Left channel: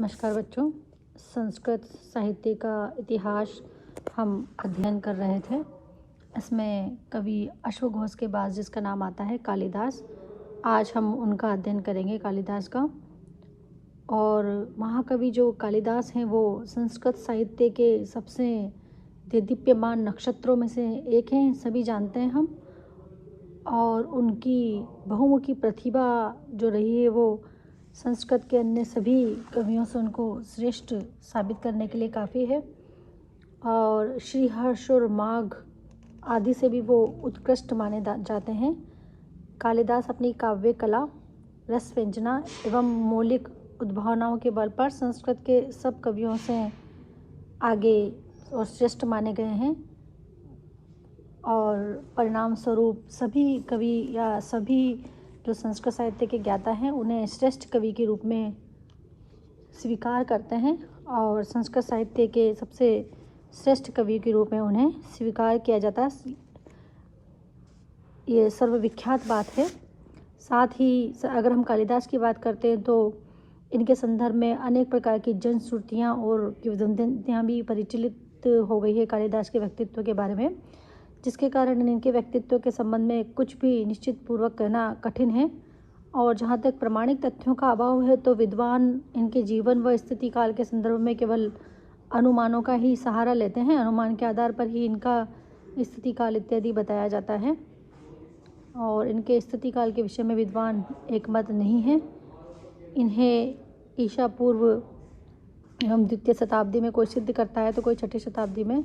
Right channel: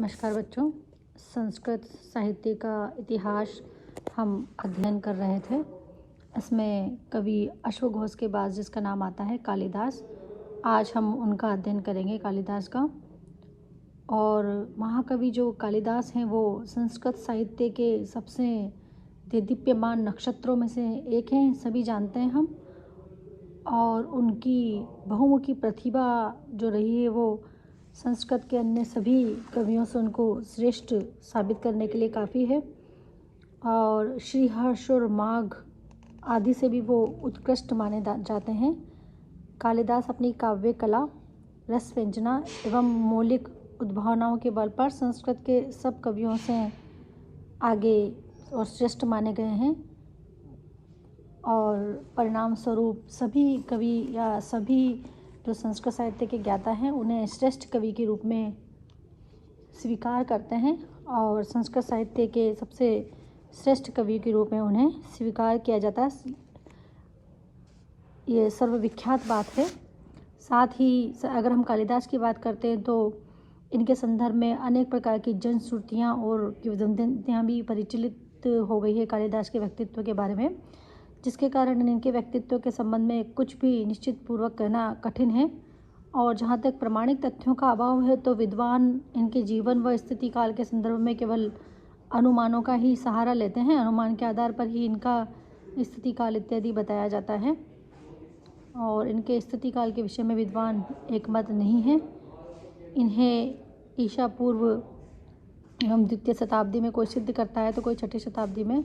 नमस्कार बच्चों। संस्कृत साहित्य का इतिहास हम अध्ययन कर रहे थे। इसमें कवि अश्वघोष के बाद जिसका नाम आता है कालिदास। आज हम उनका अध्ययन करेंगे, कालिदास का। और महाकवि जो कालिदास हैं वो संस्कृत साहित्य के सबसे देदीप्यमान नक्षत्रों में से एक हैं, सभी जानते हैं हम। और उनकी बहुमुखी प्रतिभा जो रही है वो संस्कृत के अन्य सभी कवियों से उनको श्रेष्ठ साबित करने के लिए काफ़ी है। और श्रीहर्ष और माघ आदि से भी वो उत्कृष्ट माने जाते हैं। कालिदास अपनी काव्य कला, रस व्यंजना एवं मौलिक उद्भावनाओं के बल पर संस्कृत के सब कवियों से आगे और श्रेष्ठ माने गए हैं। और परिणाम स्वरूप सभी कवि या सभी जो संस्कृत साहित्य के ज्ञाता हैं उन्हें श्रेष्ठ कवि के रूप में स्वीकार करते हैं और संस्कृत साहित्य के सबसे श्रेष्ठ कवि के रूप में उन्हें स्वीकार किया जाता है। ये सर्वविख्यात बात है। साथ ही अगर हम कालिदास की बात करते हैं तो इनके संदर्भ में अनेक प्रकार की जनश्रुतियाँ और किंवदंतियाँ भी परिचालित हो गई है कालिदास के व्यक्तित्व के बारे में, जिसके कारण इनके व्यक्तित्व के संबंध में कुछ भी निश्चित पूर्वक कहना कठिन है। और जहाँ तक प्रमाणिक तथ्यों का अभाव है तो विद्वान इनके जीवन व स्थिति काल के संदर्भ में केवल अनुमानों का ही सहारा लेते हैं। अनुमान के आधार पर ही इनका स्थिति काल इत्यादि बताया जाता है और इनके स्थिति काल के विषय में विद्वान एकमत नहीं है। इन्हें ईसा पूर्व एवं द्वितीय शताब्दी में कोई सिद्ध करता है तो कोई छठी शताब्दी में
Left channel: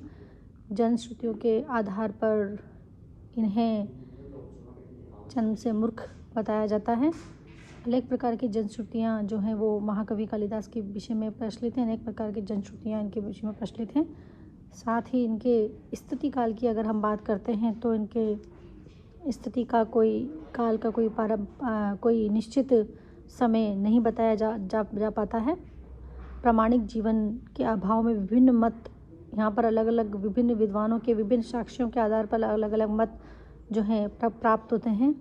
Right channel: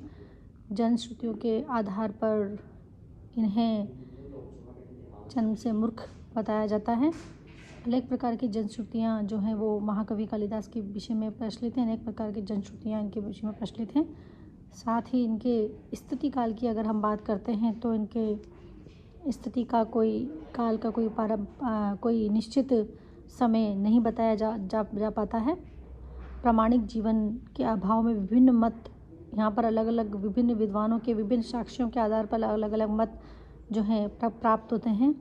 जनश्रुतियों के आधार पर इन्हें जन्म से मूर्ख बताया जाता है। अनेक प्रकार की जनश्रुतियाँ जो हैं वो महाकवि कालिदास के विषय में प्रचलित हैं। अनेक प्रकार की जनश्रुतियाँ इनके विषय में प्रचलित हैं। साथ ही इनके स्थिति काल की अगर हम बात करते हैं तो इनके स्थिति का कोई निश्चित समय नहीं बताया जा पाता है। प्रामाणिक जीवन के अभाव में विभिन्न मत यहाँ पर अलग अलग विभिन्न विद्वानों के विभिन्न साक्ष्यों के आधार पर अलग अलग मत जो हैं प्राप्त होते हैं।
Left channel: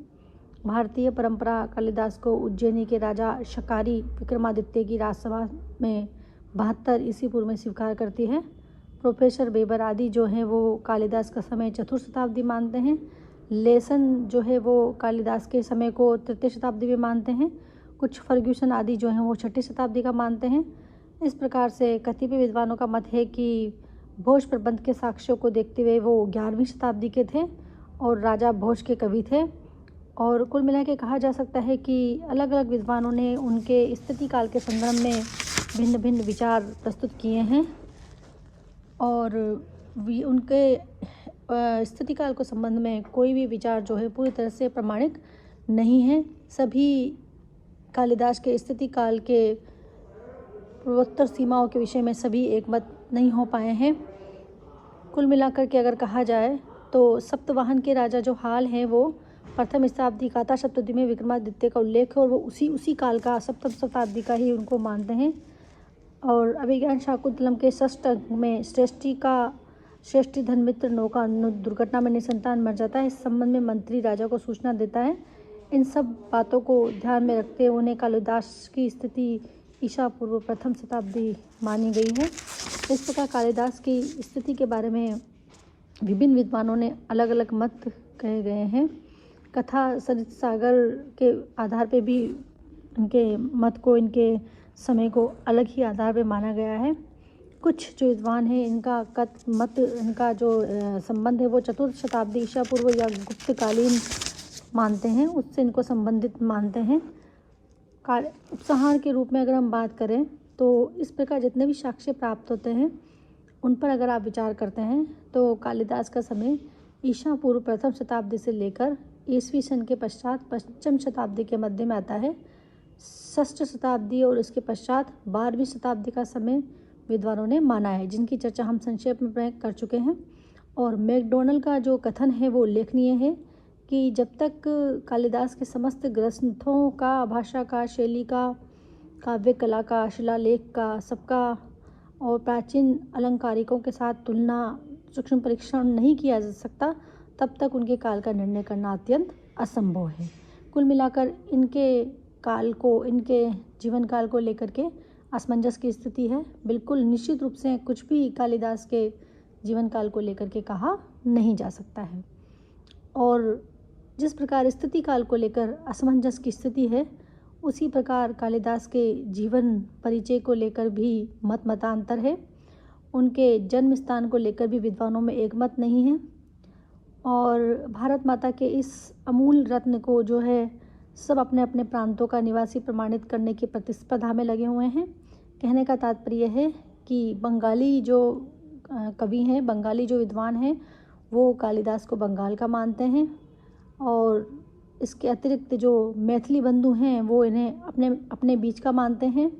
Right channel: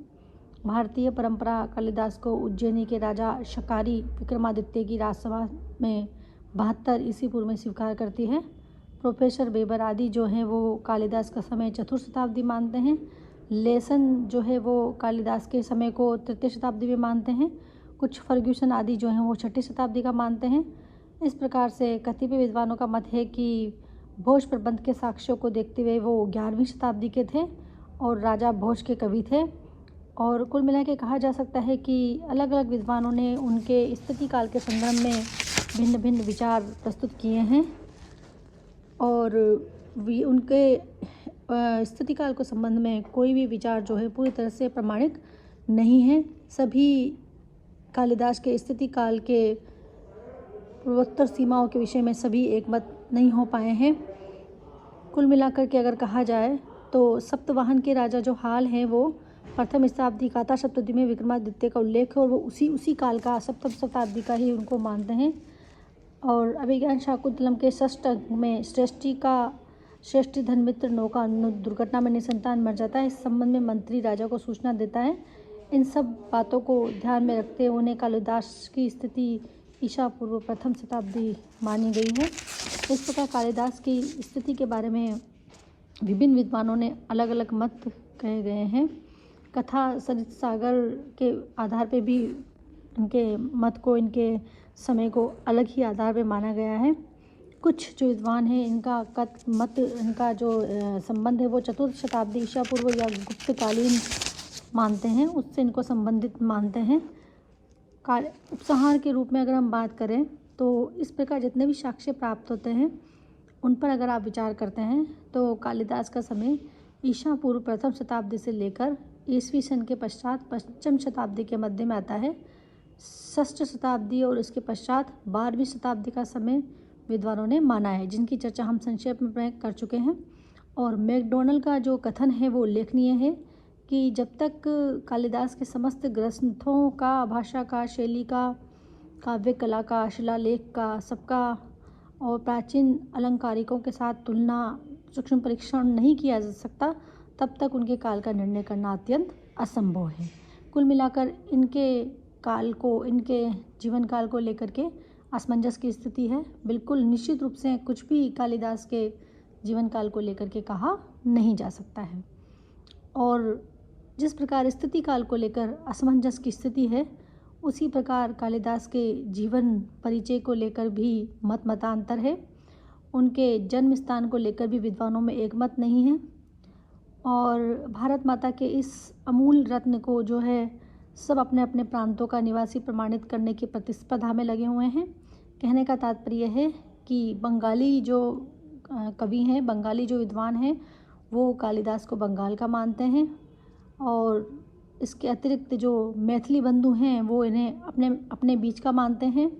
भारतीय परंपरा कालिदास को उज्जैनी के राजा शकारी विक्रमादित्य की राजसभा में 72 ईस्वी पूर्व में स्वीकार करती है। प्रोफेसर बेबर आदि जो हैं वो कालिदास का समय चतुर्थ शताब्दी मानते हैं। लेसन जो है वो कालिदास के समय को तृतीय शताब्दी में मानते हैं। कुछ फर्ग्यूसन आदि जो हैं वो छठी शताब्दी का मानते हैं। इस प्रकार से कतिपय विद्वानों का मत है कि भोज प्रबंध के साक्ष्यों को देखते हुए वो 11वीं शताब्दी के थे और राजा भोज के कवि थे। और कुल मिला के कहा जा सकता है कि अलग अलग विद्वानों ने उनके स्थिति काल के संबंध में भिन्न भिन्न विचार प्रस्तुत किए हैं और उनके स्थिति काल के संबंध में कोई भी विचार जो है पूरी तरह से प्रमाणिक नहीं है। सभी कालिदास के स्थिति काल के पूर्वोत्तर सीमाओं के विषय में सभी एकमत नहीं हो पाए हैं। कुल मिलाकर के अगर कहा जाए तो सप्तवाहन के राजा जो हाल हैं वो प्रथम शताब्दी काता शताब्दी में विक्रमादित्य का उल्लेख है और वो उसी काल का सप्तम शताब्दी का ही उनको मानते हैं। और अभिज्ञान शाकुंतलम के षष्ठ में श्रेष्ठी धनमित्र नौका दुर्घटना में निसंतान मर जाता है। इस संबंध में मंत्री राजा को सूचना देता है। इन सब बातों को ध्यान में रखते हुए उन्हें कालिदास की स्थिति ईसा पूर्व प्रथम शताब्दी मानी गई है। इस प्रकार कालिदास की स्थिति के बारे में विभिन्न विद्वानों ने अलग अलग मत कहे गए हैं। कथा सरित सागर के आधार पे भी इनके मत को, इनके समय को अलग ही आधार पे माना गया है। कुछ जो विद्वान हैं इनका जो संबंध है वो चतुर्थ शताब्दी ईसा पूर्व या गुप्तकालीन मानते हैं, उससे इनको संबंधित मानते हैं। उपसंहार के रूप में अगर हम बात करें तो इस प्रकार जितने भी साक्ष्य प्राप्त होते हैं उन पर अगर आप विचार करते हैं तो कालिदास का समय ईसा पूर्व प्रथम शताब्दी से लेकर ईसवी सन के पश्चात पंचम शताब्दी के मध्य में आता है। षष्ठ शताब्दी और इसके पश्चात 12वीं शताब्दी का समय विद्वानों ने माना है, जिनकी चर्चा हम संक्षेप में कर चुके हैं। और मैकडोनल का जो कथन है वो उल्लेखनीय है कि जब तक कालिदास के समस्त ग्रंथों का, भाषा का, शैली का, काव्य कला का, शिलालेख का, सबका और प्राचीन अलंकारिकों के साथ तुलना, सूक्ष्म परीक्षण नहीं किया जा सकता, तब तक उनके काल का निर्णय करना अत्यंत असंभव है। कुल मिलाकर इनके जीवन काल को लेकर के असमंजस की स्थिति है। बिल्कुल निश्चित रूप से कुछ भी कालिदास के जीवन काल को लेकर के कहा नहीं जा सकता है। और जिस प्रकार स्थिति काल को लेकर असमंजस की स्थिति है, उसी प्रकार कालिदास के जीवन परिचय को लेकर भी मतांतर है। उनके जन्म स्थान को लेकर भी विद्वानों में एक मत नहीं है। और भारत माता के इस अमूल रत्न को जो है सब अपने अपने प्रांतों का निवासी प्रमाणित करने की प्रतिस्पर्धा में लगे हुए हैं। कहने का तात्पर्य है कि बंगाली जो कवि हैं, बंगाली जो विद्वान हैं, वो कालिदास को बंगाल का मानते हैं, और इसके अतिरिक्त जो मैथिली बंधु हैं वो इन्हें अपने अपने बीच का मानते हैं।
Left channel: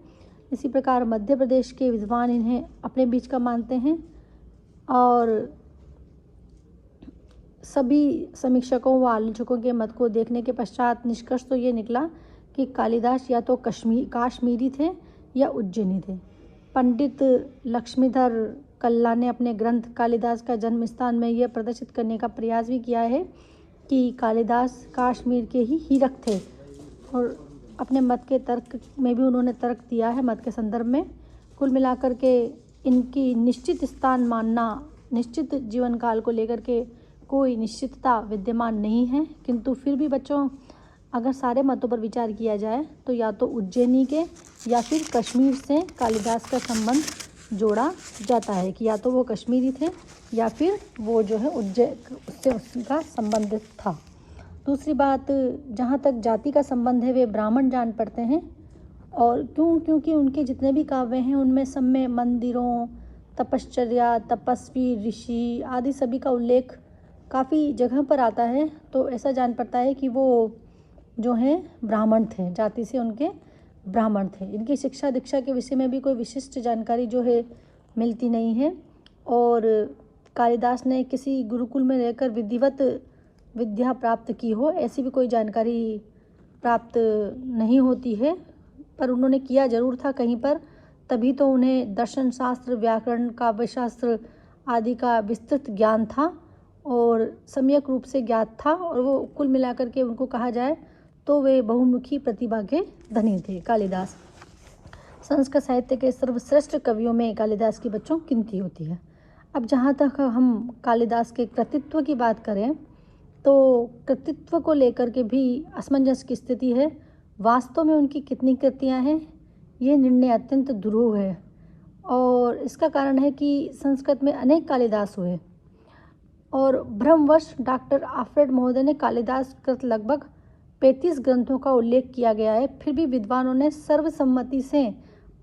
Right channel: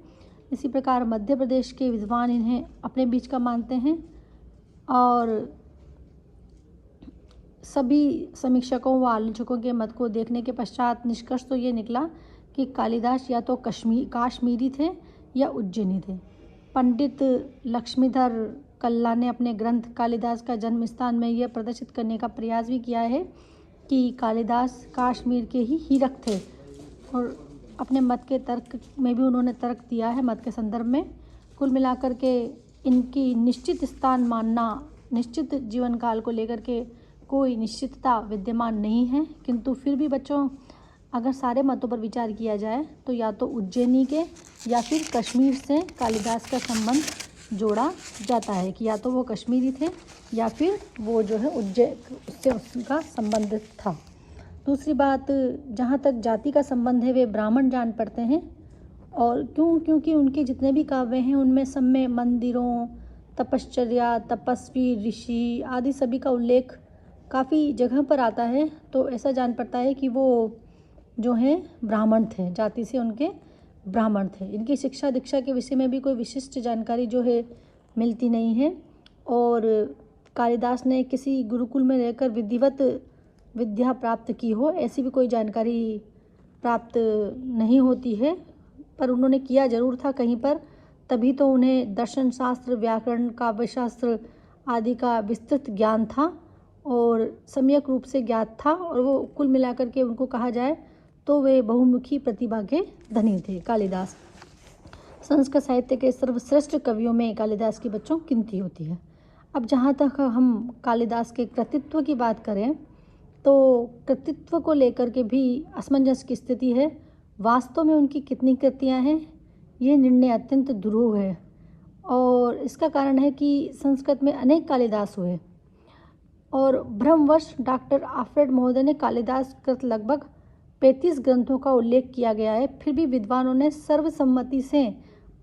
इसी प्रकार मध्य प्रदेश के विद्वान इन्हें अपने बीच का मानते हैं। और सभी समीक्षकों व आलोचकों के मत को देखने के पश्चात निष्कर्ष तो ये निकला कि कालिदास या तो काश्मीरी थे या उज्जैनी थे। पंडित लक्ष्मीधर कल्ला ने अपने ग्रंथ कालिदास का जन्म स्थान में यह प्रदर्शित करने का प्रयास भी किया है कि कालिदास काश्मीर के ही हीरक थे, और अपने मत के तर्क में भी उन्होंने तर्क दिया है मत के संदर्भ में। कुल मिलाकर के इनकी निश्चित स्थान मानना, निश्चित जीवन काल को लेकर के कोई निश्चितता विद्यमान नहीं है। किंतु फिर भी बच्चों, अगर सारे मतों पर विचार किया जाए तो या तो उज्जैनी के या फिर कश्मीर से कालिदास का संबंध जोड़ा जाता है कि या तो वो कश्मीरी थे या फिर वो जो है उज्जैन से उसका संबंध था। दूसरी बात, जहाँ तक जाति का संबंध है वे ब्राह्मण जान पड़ते हैं। और क्योंकि उनके जितने भी काव्य हैं उनमें सब में मंदिरों, तपश्चर्या, तपस्वी, ऋषि आदि सभी का उल्लेख काफ़ी जगह पर आता है, तो ऐसा जान पड़ता है कि वो जो हैं ब्राह्मण थे, जाति से उनके ब्राह्मण थे। इनकी शिक्षा दीक्षा के विषय में भी कोई विशिष्ट जानकारी जो है मिलती नहीं है। और कालिदास ने किसी गुरुकुल में रहकर विधिवत विद्या प्राप्त की हो, ऐसी भी कोई जानकारी प्राप्त नहीं होती है। पर उन्होंने किया जरूर था कहीं पर, तभी तो उन्हें दर्शन शास्त्र, व्याकरण, काव्यशास्त्र आदि का विस्तृत ज्ञान था और सम्यक रूप से ज्ञात था। और वो कुल मिलाकर के उनको कहा जाए तो वे बहुमुखी प्रतिभा के धनी थे कालिदास। संस्कृत साहित्य के सर्वश्रेष्ठ कवियों में कालिदास की बच्चों गिनती होती है। अब जहाँ तक हम कालिदास के कृतित्व की बात करें तो कृतित्व को लेकर के भी असमंजस की स्थिति है। वास्तव में उनकी कितनी कृतियाँ हैं, ये निर्णय अत्यंत दुरूह है। और इसका कारण है कि संस्कृत में अनेक कालिदास हुए और भ्रमवश डॉक्टर आल्फ्रेड महोदय ने कालिदास कृत लगभग 35 ग्रंथों का उल्लेख किया गया है। फिर भी विद्वानों ने सर्वसम्मति से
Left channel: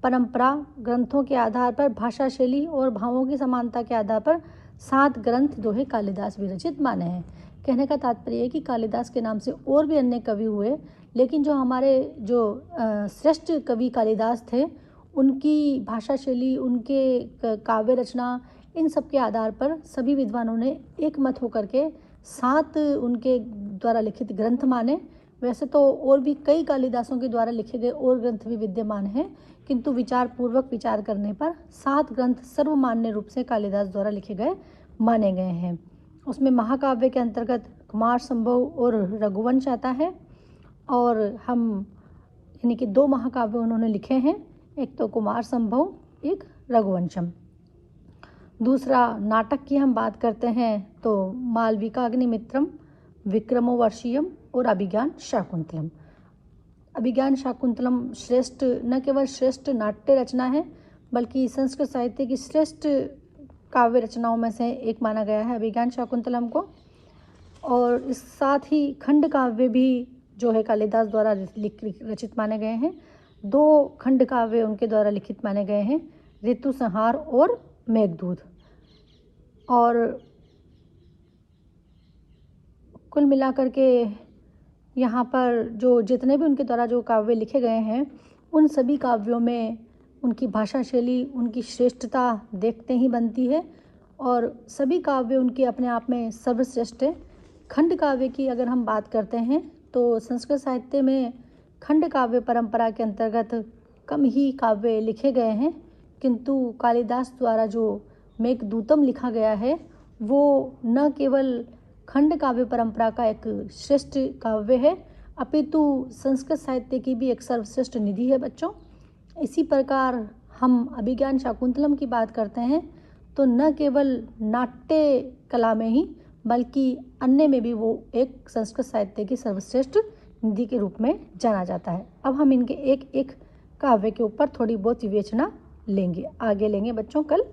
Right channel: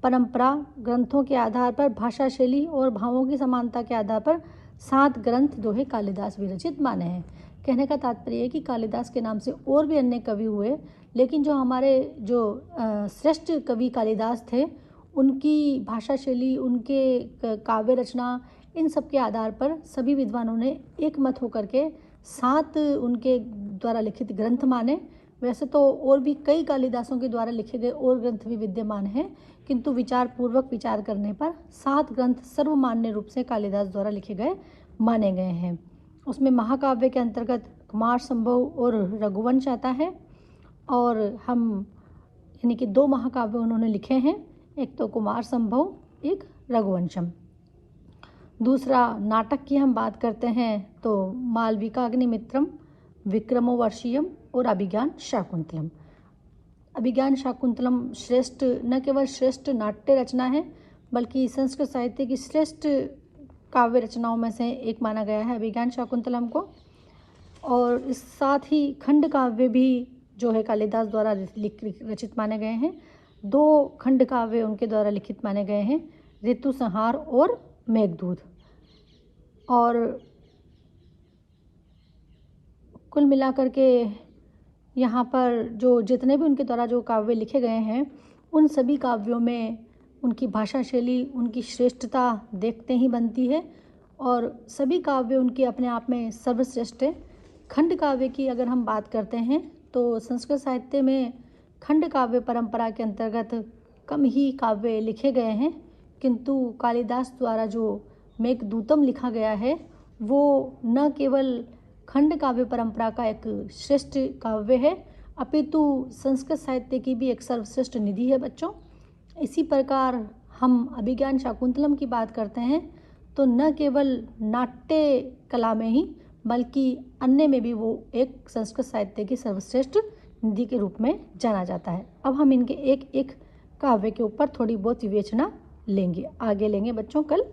परंपरा, ग्रंथों के आधार पर, भाषा शैली और भावों की समानता के आधार पर 7 ग्रंथ दोहे कालिदास विरचित माने हैं। कहने का तात्पर्य है कि कालिदास के नाम से और भी अन्य कवि हुए, लेकिन जो हमारे जो श्रेष्ठ कवि कालिदास थे, उनकी भाषा शैली, उनके काव्य रचना, इन सब के आधार पर सभी विद्वानों ने एक मत होकर के 7 उनके द्वारा लिखित ग्रंथ माने। वैसे तो और भी कई कालिदासों के द्वारा लिखे गए और ग्रंथ भी विद्यमान हैं, किंतु विचार पूर्वक विचार करने पर 7 ग्रंथ सर्वमान्य रूप से कालिदास द्वारा लिखे गए माने गए हैं। उसमें महाकाव्य के अंतर्गत कुमार संभव और रघुवंश आता है, और हम यानी कि 2 महाकाव्य उन्होंने लिखे हैं, एक तो कुमार संभव, एक रघुवंशम। दूसरा नाटक की हम बात करते हैं तो मालविकाग्निमित्रम, विक्रमोर्वशीयम और अभिज्ञान शाकुंतलम। अभिज्ञान शाकुंतलम श्रेष्ठ, न केवल श्रेष्ठ नाट्य रचना है बल्कि संस्कृत साहित्य की श्रेष्ठ काव्य रचनाओं में से एक माना गया है अभिज्ञान शाकुंतलम को। और इस साथ ही खंड काव्य भी जो है कालिदास द्वारा रचित माने गए हैं। 2 खंड काव्य उनके द्वारा लिखित माने गए हैं, ऋतु संहार और मेघदूत। और कुल मिलाकर के यहाँ पर जो जितने भी उनके द्वारा जो काव्य लिखे गए हैं, उन सभी काव्यों में उनकी भाषा शैली, उनकी श्रेष्ठता देखते ही बनती है, और सभी काव्य उनके अपने आप में सर्वश्रेष्ठ है। खंड काव्य की अगर हम बात करते हैं तो संस्कृत साहित्य में खंड काव्य परंपरा के अंतर्गत कम ही काव्य लिखे गए हैं, किंतु कालिदास द्वारा जो मेघदूतम लिखा गया है वो न केवल खंड काव्य परंपरा का एक श्रेष्ठ काव्य है, अपितु संस्कृत साहित्य की भी एक सर्वश्रेष्ठ निधि है बच्चों। इसी प्रकार हम अभिज्ञान शाकुंतलम की बात करते हैं तो न केवल नाट्य कला में ही बल्कि अन्य में भी वो एक संस्कृत साहित्य की सर्वश्रेष्ठ निधि के रूप में जाना जाता है। अब हम इनके एक एक काव्य के ऊपर थोड़ी बहुत विवेचना लेंगे, आगे लेंगे बच्चों कल।